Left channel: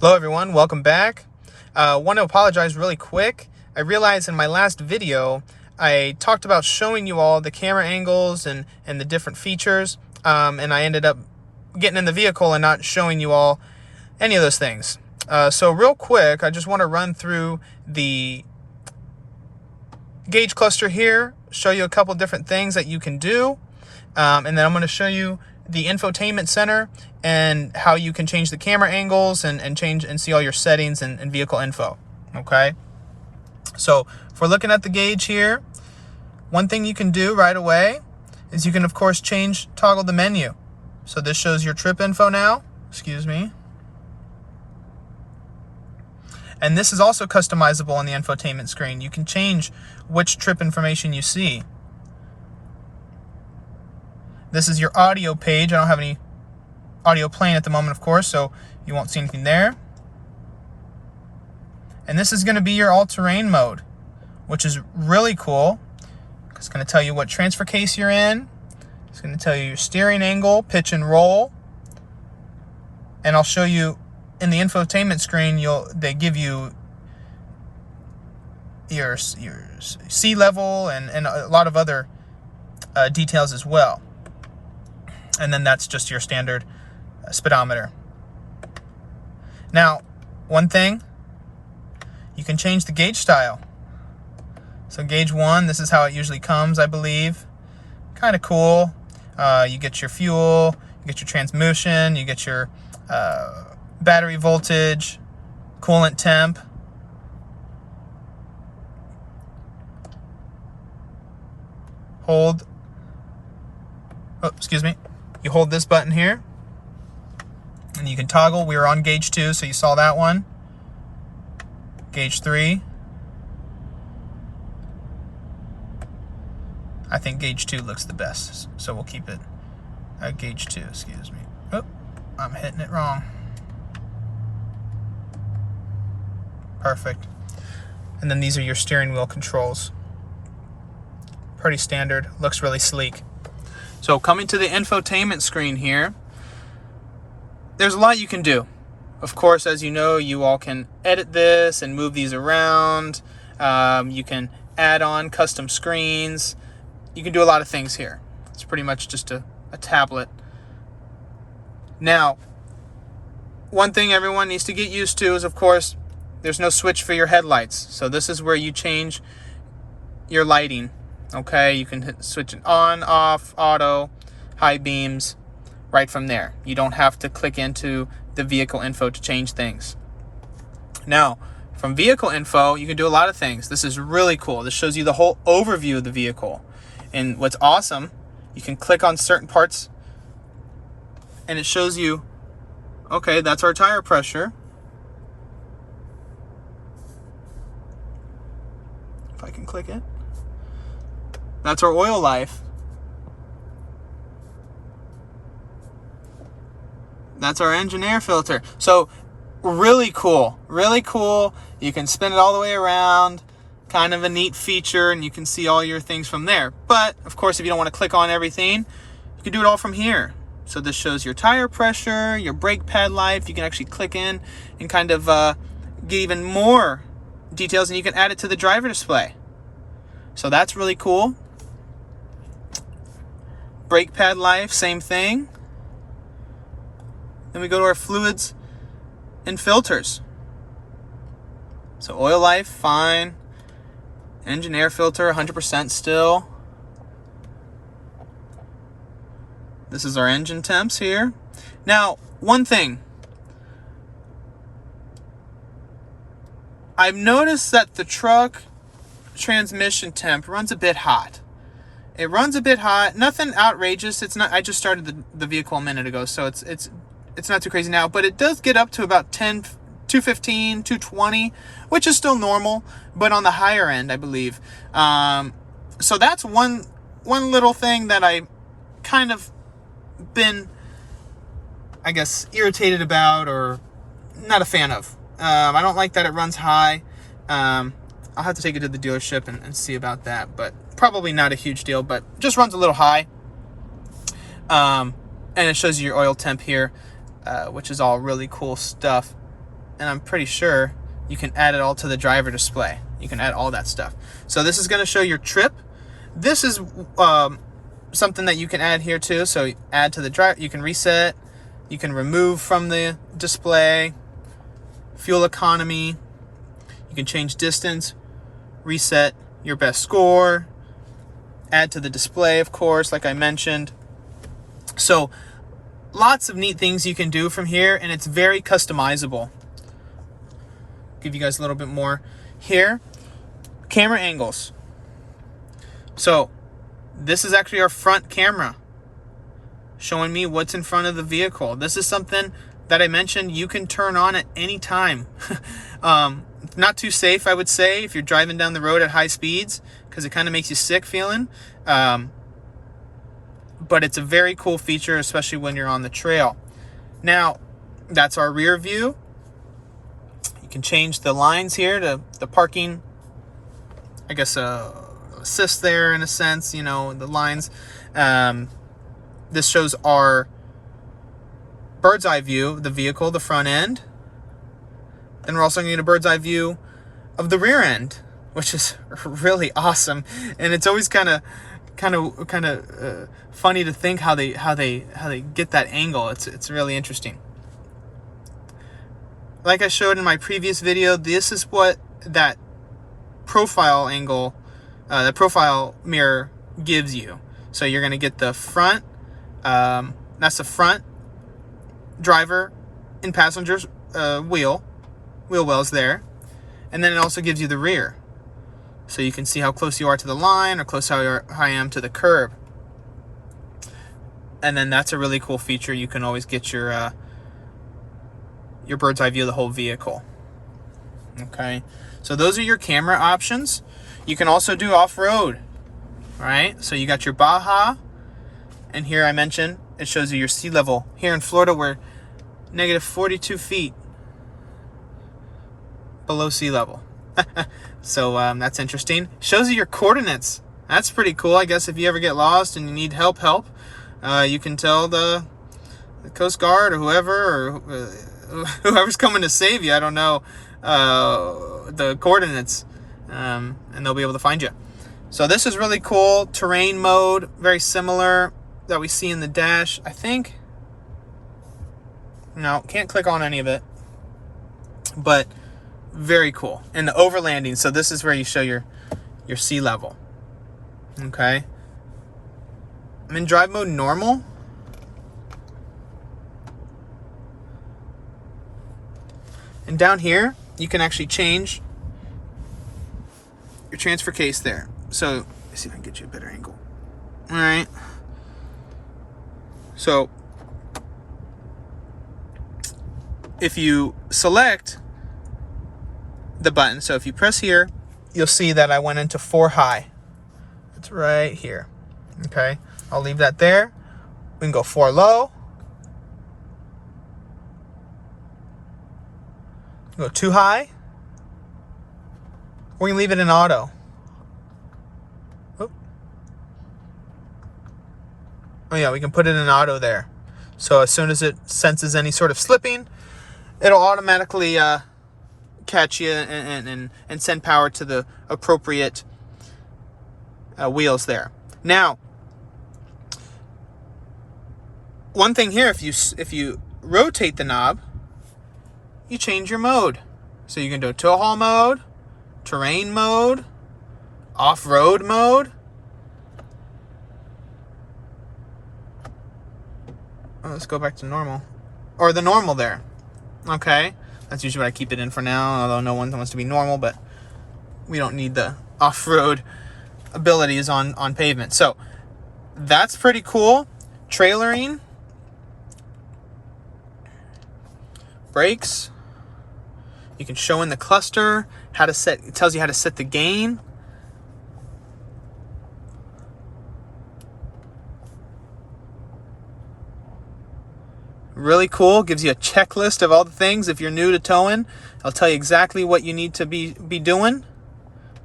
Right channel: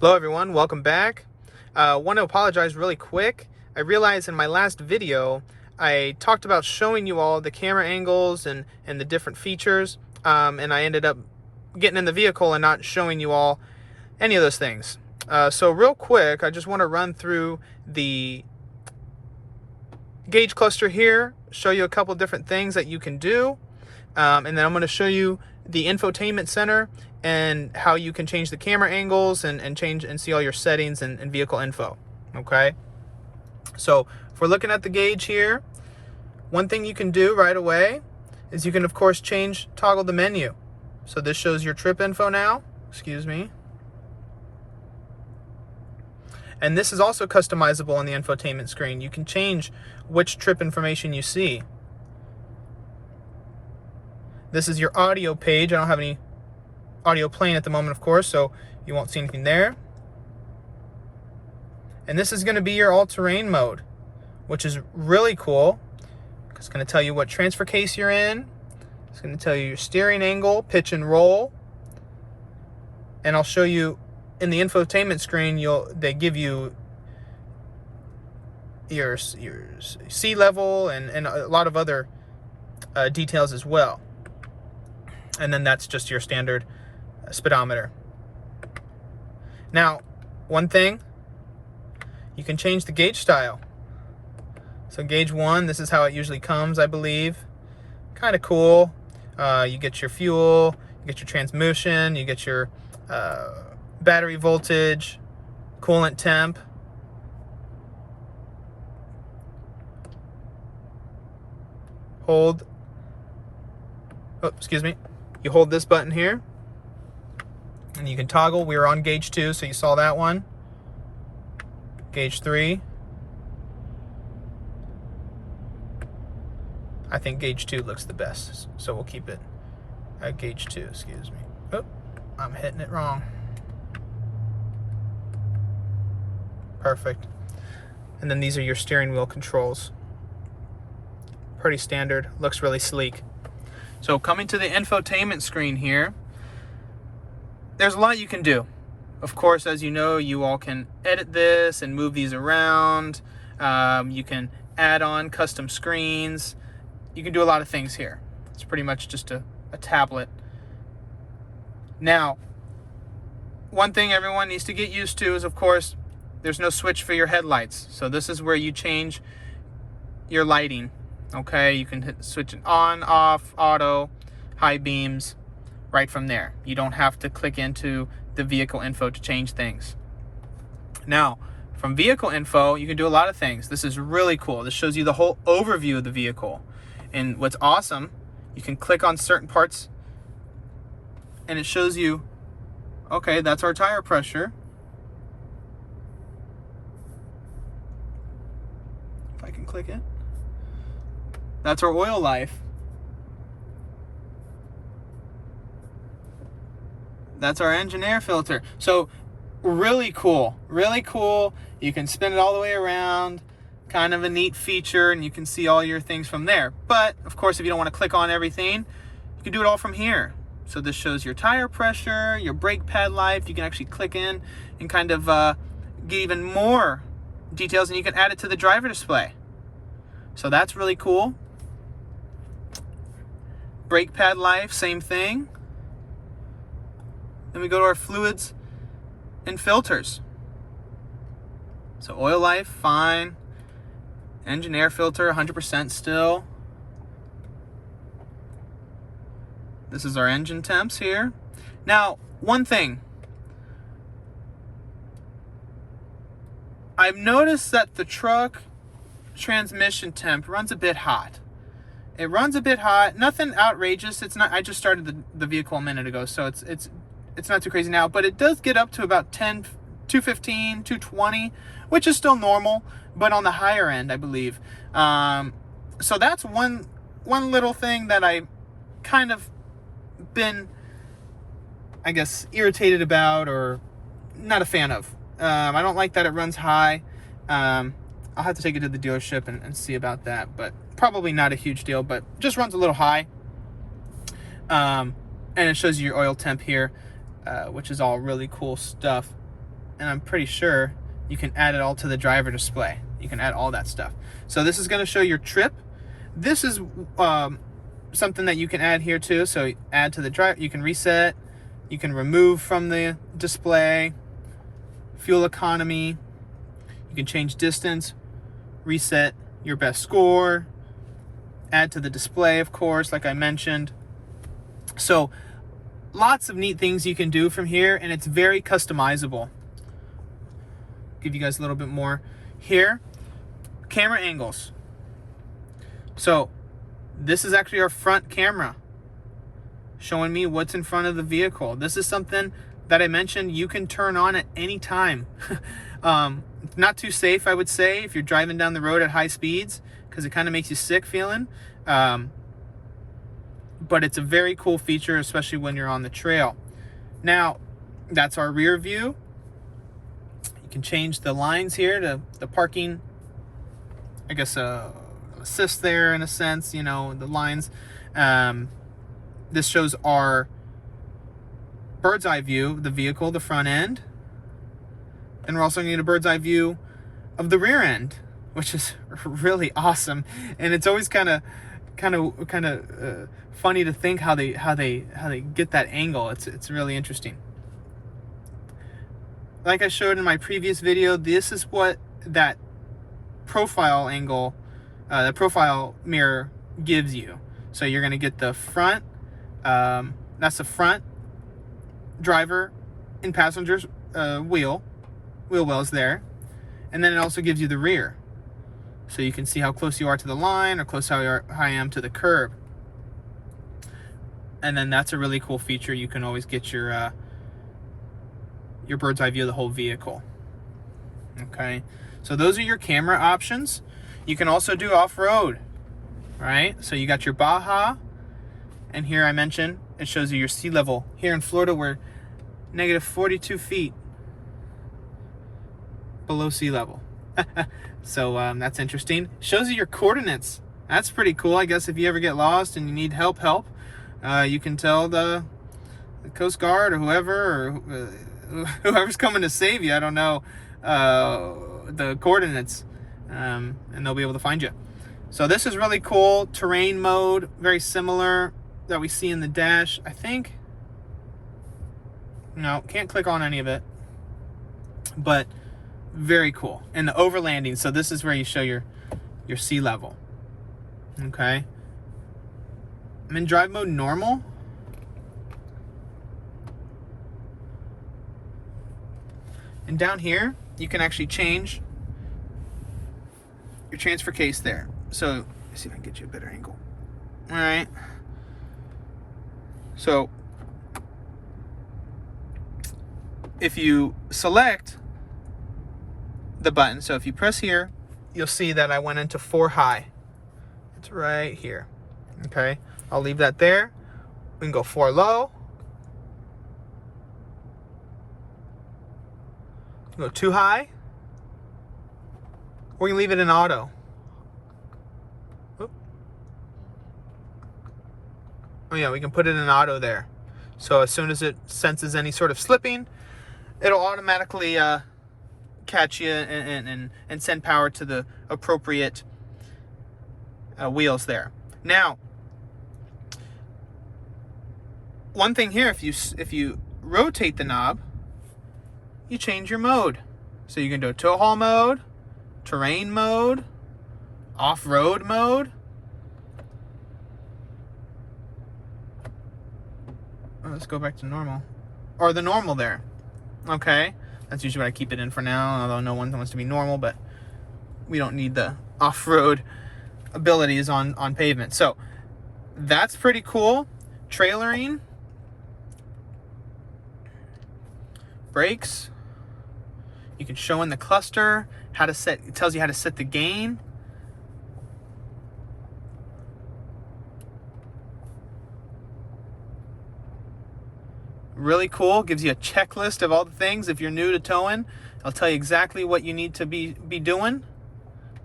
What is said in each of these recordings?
Hello everyone, welcome back. Want to apologize really quick. I realized in my last video I talked about showing you all the camera angles and the different features, and I ended up getting in the vehicle and not showing you all any of those things. So real quick, I just want to run through the gauge cluster here, show you a couple different things that you can do, and then I'm going to show you the infotainment center and how you can change the camera angles and change and see all your settings and vehicle info. Okay, so if we're looking at the gauge here, one thing you can do right away is you can of course toggle the menu. So this shows your trip info now, excuse me, and this is also customizable on the infotainment screen. You can change which trip information you see. This is your audio page. I don't have any audio playing at the moment, of course, so you won't see anything there. And this is going to be your all-terrain mode, which is really cool. It's going to tell you what transfer case you're in. It's going to tell you your steering angle, pitch and roll. And I'll show you in the infotainment screen, they give you your sea level and a lot of other details as well. And then that's just your standard speedometer. Now, one thing, you can change the gauge style. So gauge 1, this is how it usually comes, I believe. Kind of cool. You get your fuel, you get your transmission, you get your battery voltage, coolant temp. You hold this button here and you can toggle. We were on gauge 2, so you saw that one. Gauge 3. I think gauge 2 looks the best, so we'll keep it at gauge 2, excuse me. Oh, I'm hitting it wrong. Perfect. And then these are your steering wheel controls. Pretty standard, looks really sleek. So coming to the infotainment screen here, there's a lot you can do. Of course, as you know, you all can edit this and move these around. You can add on custom screens. You can do a lot of things here. It's pretty much just a tablet. Now, one thing everyone needs to get used to is, of course, there's no switch for your headlights. So this is where you change your lighting. Okay, you can switch it on, off, auto, high beams, right from there. You don't have to click into the vehicle info to change things. Now, from vehicle info, you can do a lot of things. This is really cool. This shows you the whole overview of the vehicle. And what's awesome, you can click on certain parts and it shows you, okay, that's our tire pressure. If I can click it. That's our oil life. That's our engine air filter. So really cool, really cool. You can spin it all the way around. Kind of a neat feature, and you can see all your things from there. But of course, if you don't want to click on everything, you can do it all from here. So this shows your tire pressure, your brake pad life. You can actually click in and kind of get even more details, and you can add it to the driver display. So that's really cool. Brake pad life, same thing. Then we go to our fluids and filters. So oil life, fine. Engine air filter, 100% still. This is our engine temps here. Now, one thing. I've noticed that the truck transmission temp runs a bit hot. It runs a bit hot, nothing outrageous. It's not. I just started the vehicle a minute ago, so it's not too crazy now. But it does get up to about 215, 220, which is still normal, but on the higher end, I believe. So that's one little thing that I kind of been, I guess, irritated about or not a fan of. I don't like that it runs high. I'll have to take it to the dealership and see about that, but probably not a huge deal, but just runs a little high. And it shows you your oil temp here, which is all really cool stuff. and I'm pretty sure you can add it all to the driver display. You can add all that stuff. So this is going to show your trip. This is something that you can add here too. So add to the driver, you can reset, you can remove from the display, fuel economy, you can change distance, reset your best score, add to the display, of course, like I mentioned. So lots of neat things you can do from here, and it's very customizable. Give you guys a little bit more here. Camera angles. So this is actually our front camera showing me what's in front of the vehicle. This is something that I mentioned you can turn on at any time. Not too safe, I would say, if you're driving down the road at high speeds, because it kind of makes you sick feeling. But it's a very cool feature, especially when you're on the trail. Now, that's our rear view. You can change the lines here to the parking, I guess, assist there in a sense, you know, the lines. This shows our bird's eye view of the vehicle, the front end. Then we're also going to get a bird's eye view of the rear end, which is really awesome. And it's always kind of funny to think how they get that angle. It's really interesting. Like I showed in my previous video, this is what that profile angle, the profile mirror gives you. So you're going to get the front, that's the front driver and passenger's wheel wells there. And then it also gives you the rear. So you can see how close you are to the line or close how I am to the curb. And then that's a really cool feature. You can always get your bird's eye view of the whole vehicle. Okay, so those are your camera options. You can also do off-road, right? So you got your Baja, and here I mentioned it shows you your sea level. Here in Florida, we're negative 42 feet below sea level. So that's interesting. Shows you your coordinates. That's pretty cool. I guess if you ever get lost and you need help, you can tell the Coast Guard or whoever's coming to save you, I don't know, the coordinates, and they'll be able to find you. So this is really cool. Terrain mode, very similar that we see in the dash. I think, no, can't click on any of it, but very cool. And the overlanding, so this is where you show your sea level. Okay, I'm in drive mode normal. And down here, you can actually change your transfer case there. So let's see if I can get you a better angle. All right. So if you select the button, so if you press here, you'll see that I went into 4 high. It's right here. Okay, I'll leave that there. We can go 4 low. Go 2 high. We can leave it in auto. Oop. Oh yeah, we can put it in auto there. So as soon as it senses any sort of slipping, it'll automatically catch you and send power to the appropriate wheels there. Now, one thing here, if you rotate the knob, you change your mode. So you can do tow haul mode, terrain mode, off-road mode. Oh, let's go back to normal. Or the normal there. Okay. That's usually what I keep it in for now, although no one wants to be normal, but we don't need the off-road abilities on pavement. So that's pretty cool. Trailering. Brakes. You can show in the cluster how to set, it tells you how to set the gain. Really cool. Gives you a checklist of all the things. If you're new to towing, I'll tell you exactly what you need to be doing,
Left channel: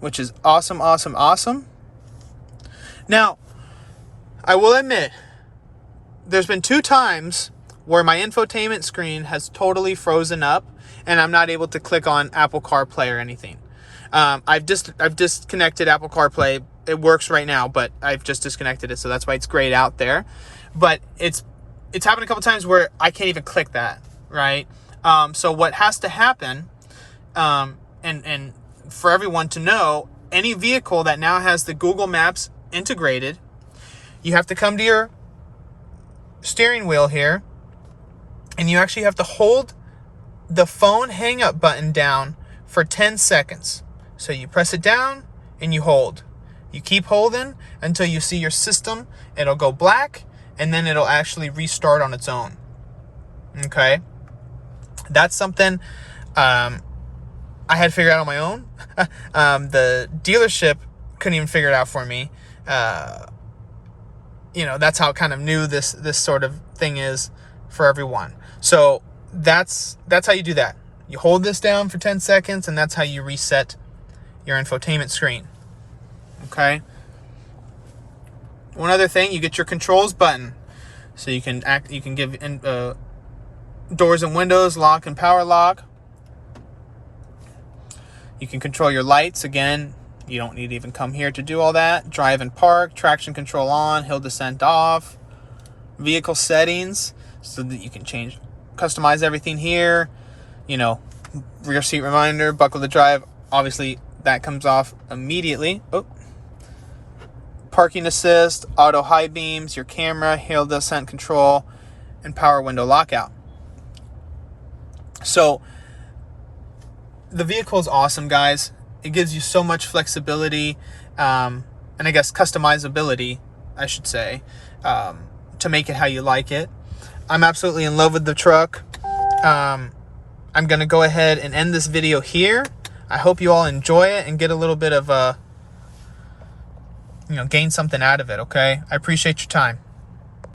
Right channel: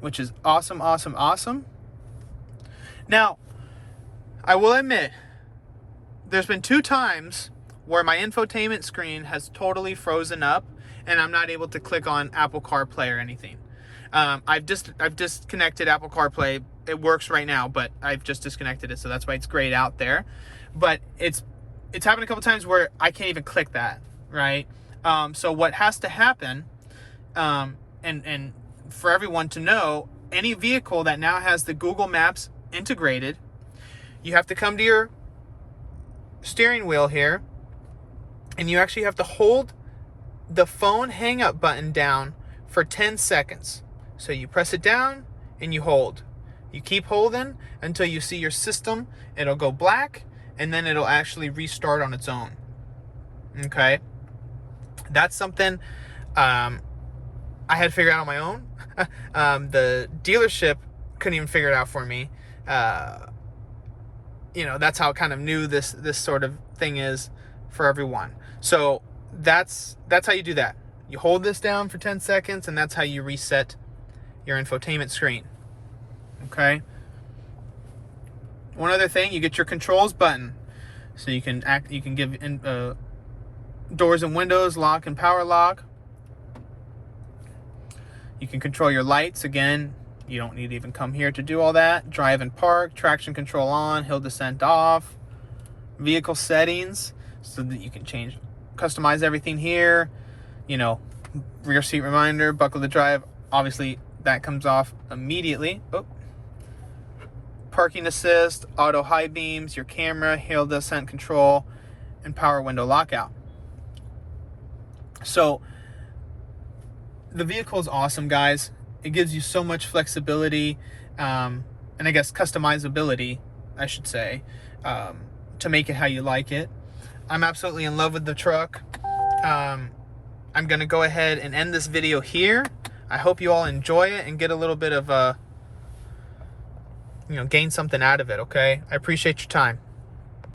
which is awesome, awesome, awesome. Now, I will admit, there's been 2 times where my infotainment screen has totally frozen up, and I'm not able to click on Apple CarPlay or anything. I've disconnected Apple CarPlay. It works right now, but I've just disconnected it, so that's why it's grayed out there. But it's happened a couple times where I can't even click that, right? So what has to happen, and for everyone to know, any vehicle that now has the Google Maps integrated, you have to come to your steering wheel here, and you actually have to hold the phone hang up button down for 10 seconds. So you press it down and you hold. You keep holding until you see your system. It'll go black, and then it'll actually restart on its own. Okay? That's something I had figured out on my own. The dealership couldn't even figure it out for me. That's how kind of new this sort of thing is for everyone. So that's how you do that. You hold this down for 10 seconds, and that's how you reset your infotainment screen. Okay? One other thing, you get your controls button. So you can give doors and windows, lock and power lock. You can control your lights. Again, you don't need to even come here to do all that. Drive and park, traction control on, hill descent off. Vehicle settings, so that you can customize everything here. Rear seat reminder, buckle to drive. Obviously, that comes off immediately. Oh. Parking assist, auto high beams, your camera, hill descent control, and power window lockout. So the vehicle is awesome, guys. It gives you so much flexibility, and I guess customizability, I should say, to make it how you like it. I'm absolutely in love with the truck. I'm going to go ahead and end this video here. I hope you all enjoy it and get a little bit of, gain something out of it, okay? I appreciate your time.